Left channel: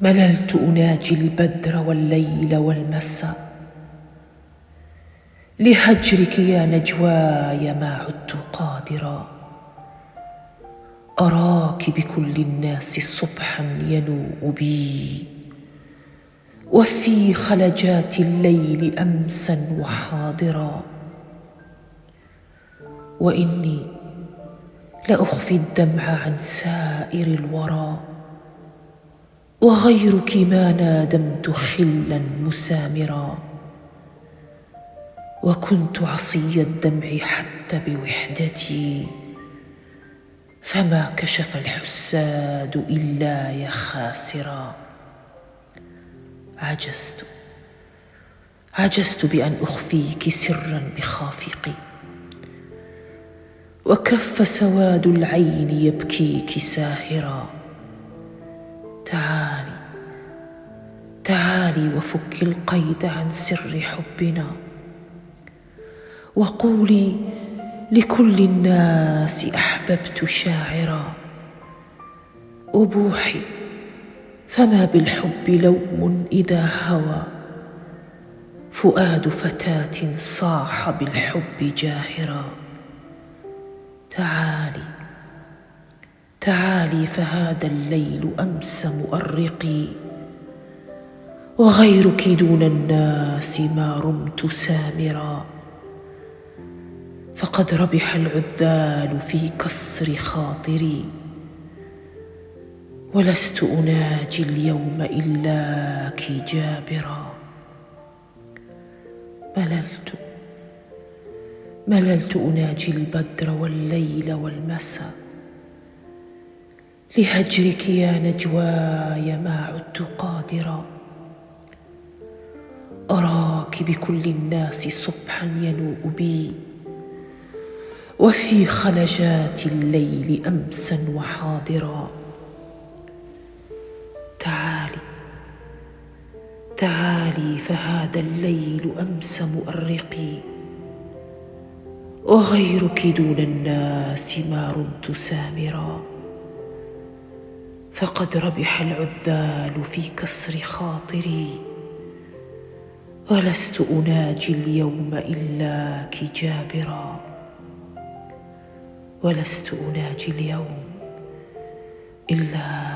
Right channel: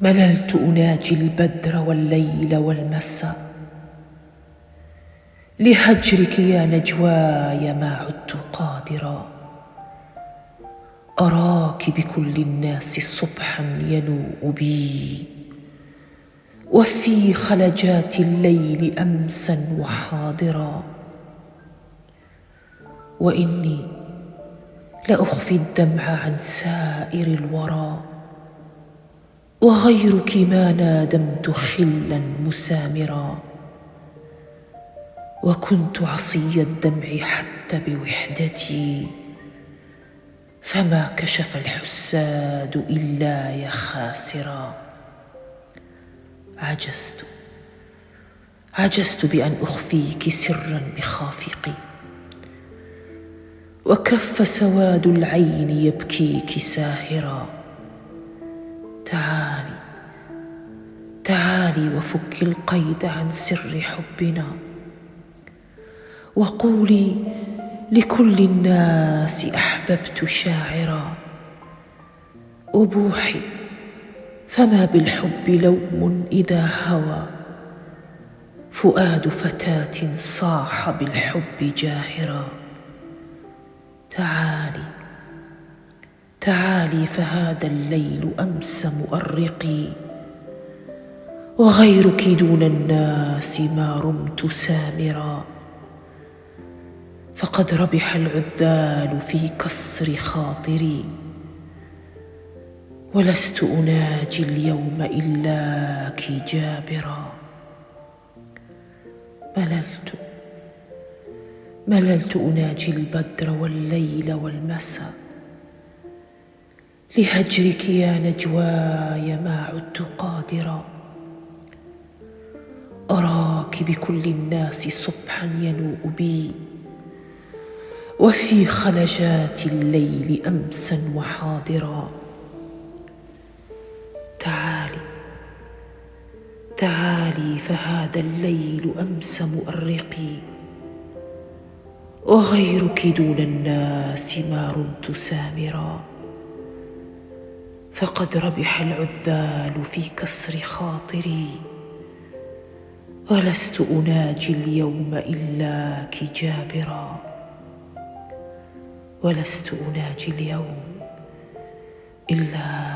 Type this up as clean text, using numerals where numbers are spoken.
مللت أناجي البدر والليل والمساء، لهجرك يا نجواي ما عدت قادرا. أراك بكل الناس صبحا ينوء بي، وفي خلجات الليل أمسا وحاضرا. وإني لأخفي الدمع عن سائر الورى، وغيرك ما نادمت خلا مسامرا. وكنت عصي الدمع حتى بوحدتي، فما كشف الحساد إلا يا خاسرا. عجزت بأن أخفيك سرا بخافقي، وكف سواد العين يبكيك ساهرا. تعالي وفك القيد عن سر حبنا، وقولي لكل الناس أحببت شاعرا. أبوحي فما بالحب لوم إذا هوى فؤاد فتاة صاح بالحب جاهرا. تعالي فهذا الليل أمس مؤرقي، وغيرك دون الناس ما رمت سامرا. فقد ربح العذال في كسر خاطري، ولست أناجي اليوم إلاك جابرا. مللت أناجي البدر والليل والمساء، لهجرك يا نجواي ما عدت قادرا. أراك بكل الناس صبحا ينوء بي، وفي خلجات الليل أمسا وحاضرا. تعالي فهذا الليل أمس مؤرقي، وغيرك دون الناس ما رمت سامرا. فقد ربح العذال في كسر خاطري، ولست أناجي اليوم إلاك جابرا. ولست أناجي اليوم إلاك